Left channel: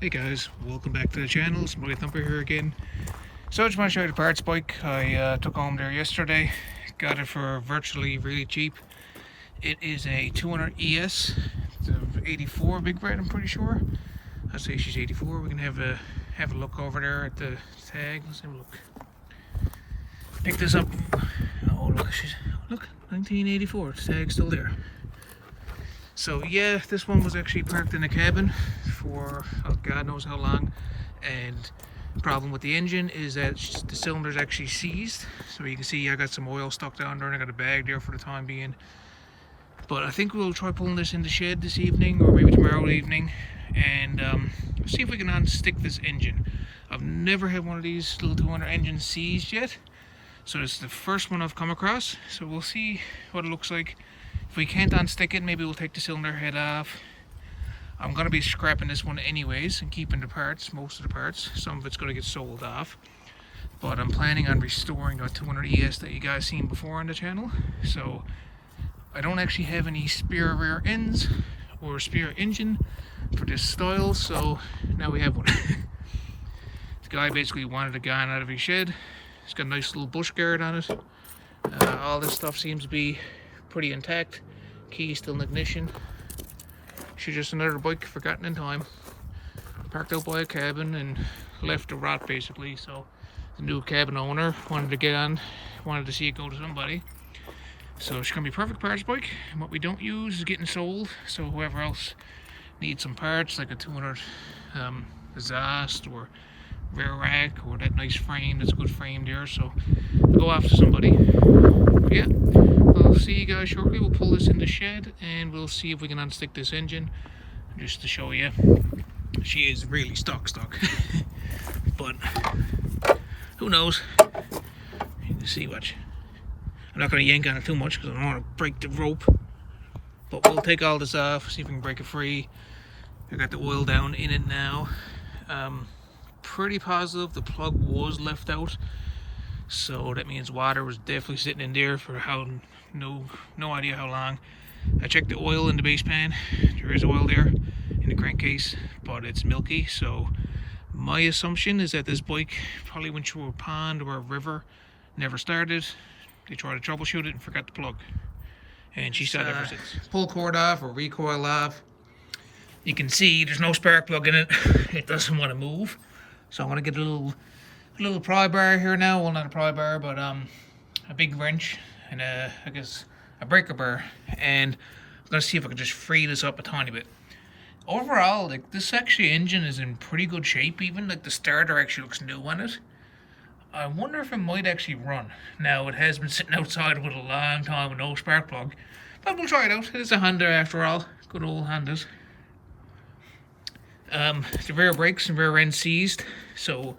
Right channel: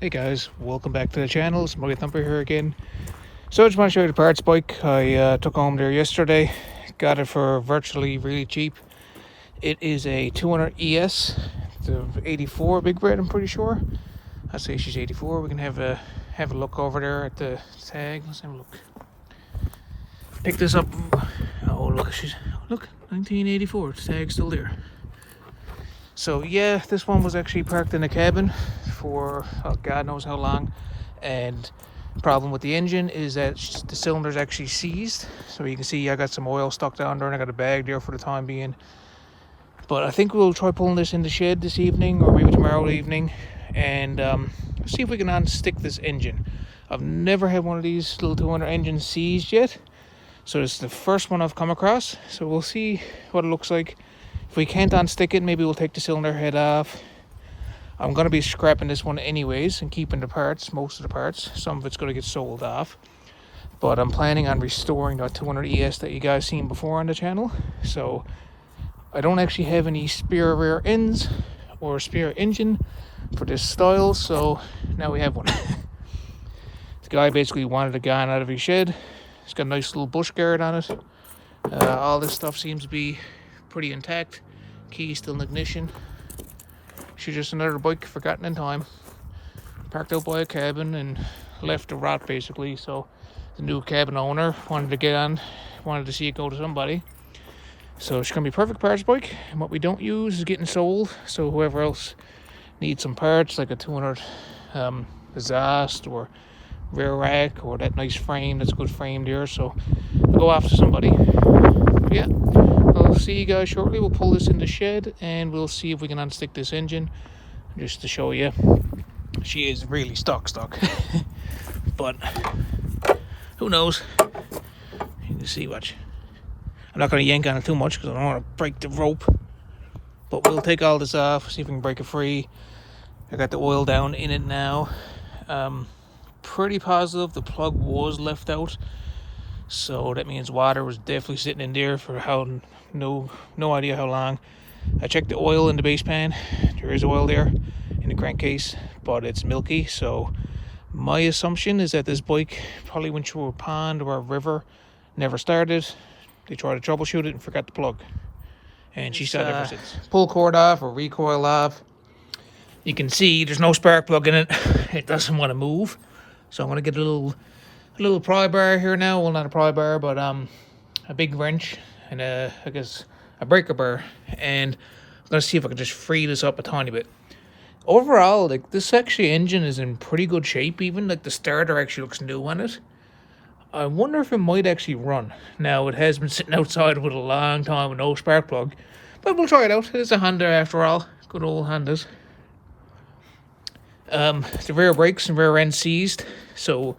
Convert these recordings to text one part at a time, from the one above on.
Hey guys, welcome back to the channel. It's MuddyThumper here again. So I just want to show you the parts bike I took home there yesterday. Got it for virtually really cheap. It is a 200 ES, the 84 Big Red, I'm pretty sure. I'd say she's 84. We can have a look over there at the tag. Let's have a look. Pick this up. Oh look, look, 1984. The tag's still there. So yeah, this one was actually parked in the cabin for God knows how long, and the problem with the engine is that the cylinder's actually seized. So you can see I got some oil stuck down there and I got a bag there for the time being. But I think we'll try pulling this in the shed this evening or maybe tomorrow evening and see if we can unstick this engine. I've never had one of these little 200 engines seized yet, so this is the first one I've come across. So we'll see what it looks like. If we can't unstick it, maybe we'll take the cylinder head off. I'm going to be scrapping this one anyways and keeping the parts, most of the parts. Some of it's going to get sold off. But I'm planning on restoring that 200 ES that you guys seen before on the channel. So I don't actually have any spare rear ends or a spare engine for this style. So now we have one. The guy basically wanted a gun out of his shed. It's got a nice little bush guard on it. All this stuff seems to be pretty intact. Key still in ignition. She's just another bike forgotten in time. Parked out by a cabin and left to rot basically. So the new cabin owner wanted to get on, wanted to see it go to somebody. So it's gonna be a perfect parts bike. And what we don't use is getting sold. So whoever else needs some parts like a 200 Doesnt or rear rack or that nice frame, that's a good frame there. So go after somebody. Yeah, I'll see you guys shortly. We'll pull this in the shed and we'll see if we can unstick this engine just to show you. She is really stuck but who knows. You can see, watch. I'm not going to yank on it too much because I don't want to break the rope, but we'll take all this off, see if we can break it free. I got the oil down in it now. Pretty positive the plug was left out. So that means water was definitely sitting in there for no idea how long. I checked the oil in the base pan. There is oil there in the crankcase, but it's milky. So my assumption is that this bike probably went through a pond or a river, never started. They tried to troubleshoot it and forgot the plug. And she sat ever since. Pull cord off or recoil off. You can see there's no spark plug in it. It doesn't want to move. So I'm going to get a little pry bar here now. Well, not a pry bar, but a big wrench and I guess a breaker bar, and let's see if I can just free this up a tiny bit. Overall, like, this actually engine is in pretty good shape. Even like the starter actually looks new on it. I wonder if it might actually run. Now it has been sitting outside with a long time with no spark plug, but we'll try it out. It's a Honda after all, good old Hondas. The rear brakes and rear end seized, so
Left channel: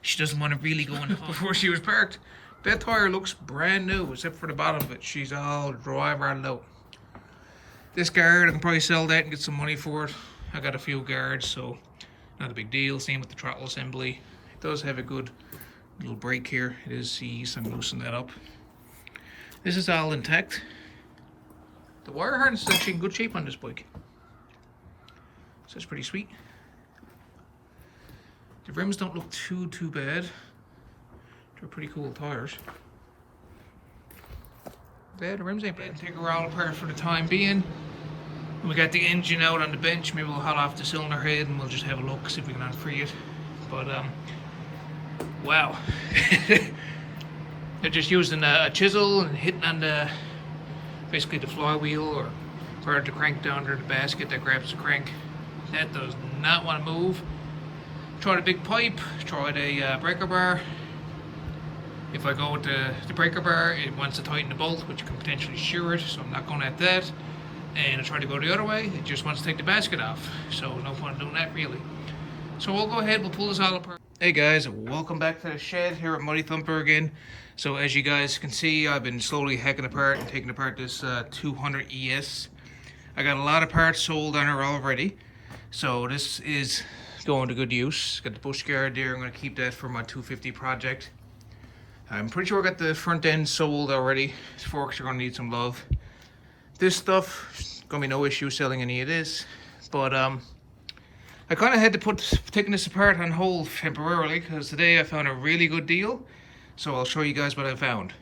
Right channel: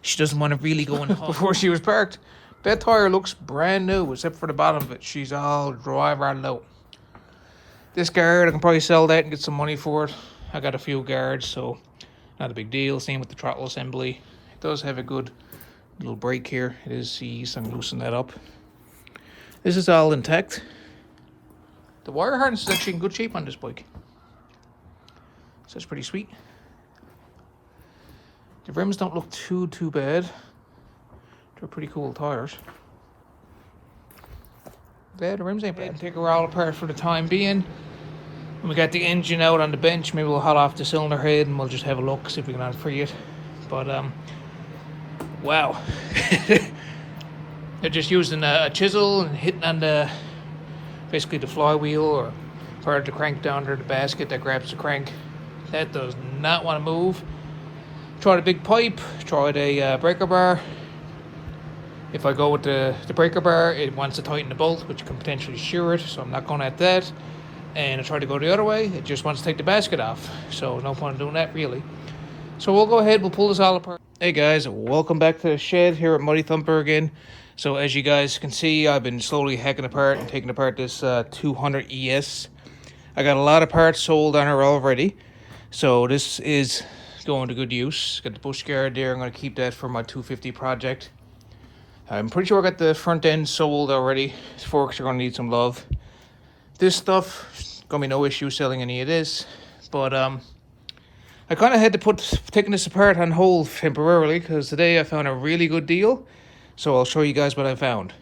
she doesn't want to really go in before she was parked. That tire looks brand new, except for the bottom of it. She's all dry rotted out. This guard, I can probably sell that and get some money for it. I got a few guards, so not a big deal. Same with the throttle assembly. It does have a good little brake here. It is seized. I'm loosening that up. This is all intact. The wire harness is actually in good shape on this bike. So that's pretty sweet. The rims don't look too bad. They're pretty cool tires. Yeah, the rims ain't bad. Take her all apart for the time being. When we got the engine out on the bench, maybe we'll hot off the cylinder head and we'll just have a look, see if we can unfree it. But wow. They're just using a chisel and hitting on basically the flywheel or part of the crank down there, the basket that grabs the crank. That does not want to move. Tried a big pipe, tried a breaker bar. If I go with the breaker bar, it wants to tighten the bolt, which can potentially shear it, so I'm not going at that. And I tried to go the other way, it just wants to take the basket off, so no point in doing that really. So we'll go ahead, we'll pull this all apart. Hey guys, welcome back to the shed here at MuddyThumper again. So as you guys can see, I've been slowly hacking apart and taking apart this 200 ES. I got a lot of parts sold on her already, so this is going to good use. Got the bush guard there. I'm going to keep that for my 250 project. I'm pretty sure I got the front end sold already. These forks are going to need some love. This stuff, going to be no issue selling any of this. But I kind of had to put taking this apart on hold temporarily because today I found a really good deal. So I'll show you guys what I found.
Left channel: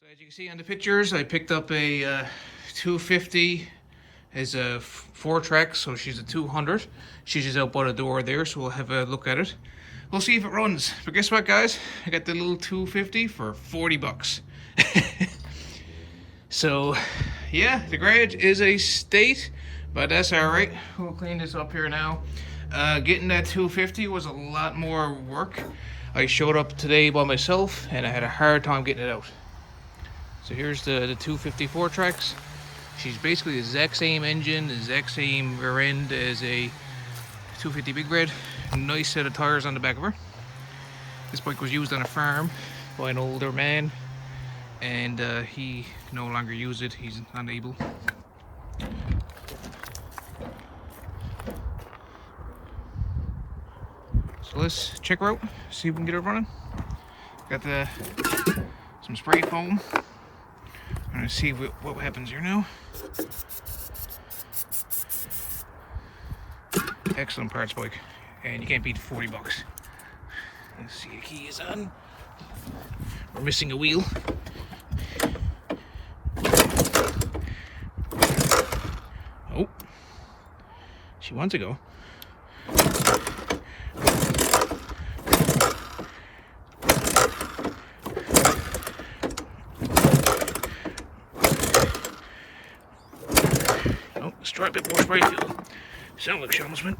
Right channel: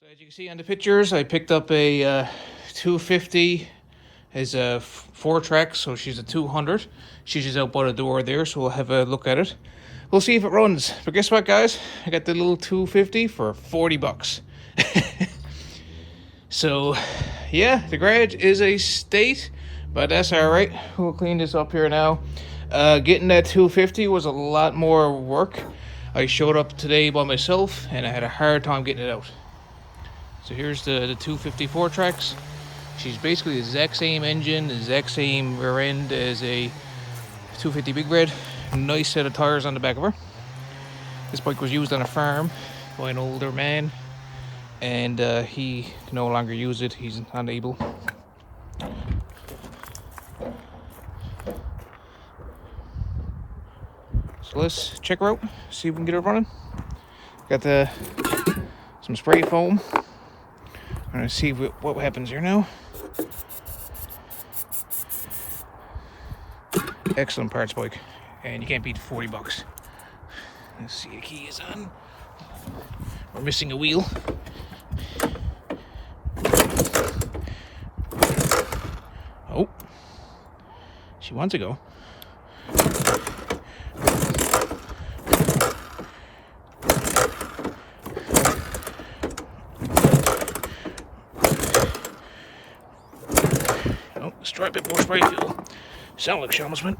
So as you can see on the pictures, I picked up a 250 as a 4-track, so she's a 200. She's just out by the door there, so we'll have a look at it. We'll see if it runs. But guess what, guys? I got the little 250 for 40 bucks. So, yeah, the garage is a state, but that's all right. We'll clean this up here now. Getting that 250 was a lot more work. I showed up today by myself, and I had a hard time getting it out. So here's the 254 tracks. She's basically the exact same engine, the exact same rear end as a 250 Big Red. Nice set of tires on the back of her. This bike was used on a farm by an older man, and he can no longer use it. He's unable. So let's check her out, see if we can get her running. Got some spray foam. I'm gonna see what happens here now. Excellent parts bike, and you can't beat 40 bucks. Let's see, the key is on. We're missing a wheel. Oh, she wants to go. Oh, let's try a bit more spray fuel. Sound like Shamusman.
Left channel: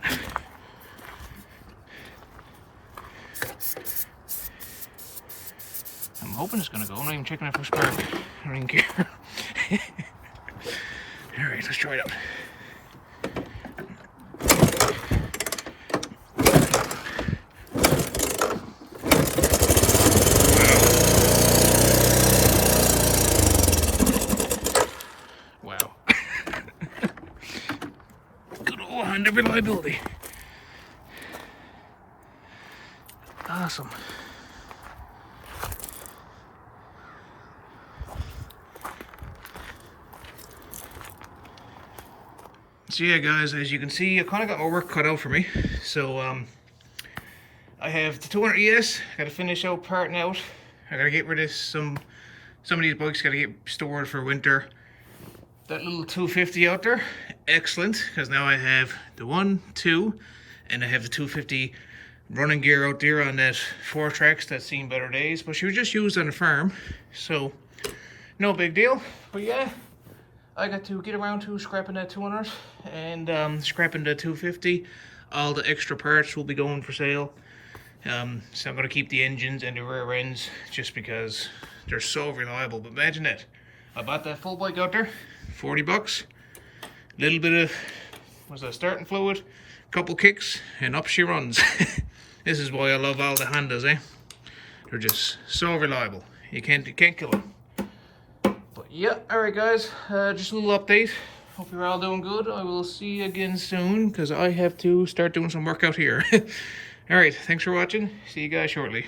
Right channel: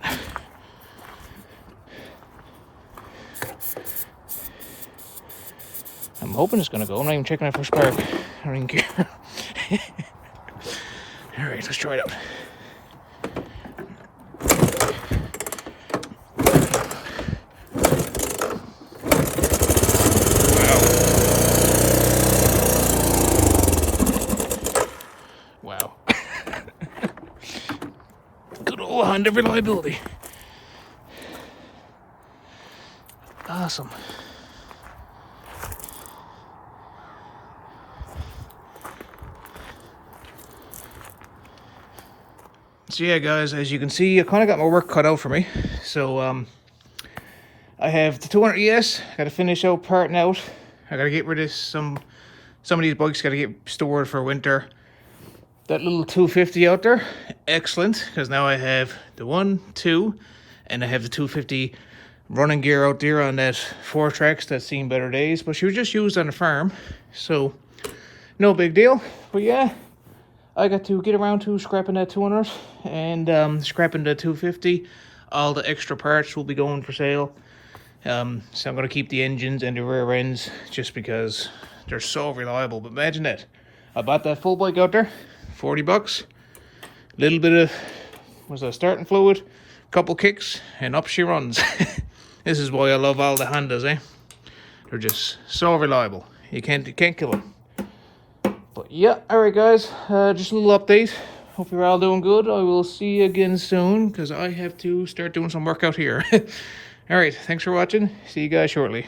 I'm hoping it's gonna go. I'm not even checking it for spark. I don't even care. Alright, let's try it out. Wow. Good old Honda reliability. Awesome. So yeah, guys, as you can see, I kind of got my work cut out for me. So I have the 200 ES. Got to finish out parting out. I got to get rid of some of these bikes. Got to get stored for winter. That little 250 out there, excellent, because now I have the 1, 2, and I have the 250 running gear out there on that 4 tracks that's seen better days. But she was just used on the farm, so no big deal. But yeah, I got to get around to scrapping that 200 and scrapping the 250. All the extra parts will be going for sale. So I'm going to keep the engines and the rear ends just because they're so reliable. But imagine that. I bought that full bike out there, 40 bucks. Little bit of, was a starting fluid, couple kicks, and up she runs. This is why I love all the Hondas, eh? They're just so reliable. You can't kill them. But yeah, alright guys, just a little update. Hope you're all doing good. I will see you again soon, because I have to start doing some work out here. Alright, thanks for watching. See you guys shortly.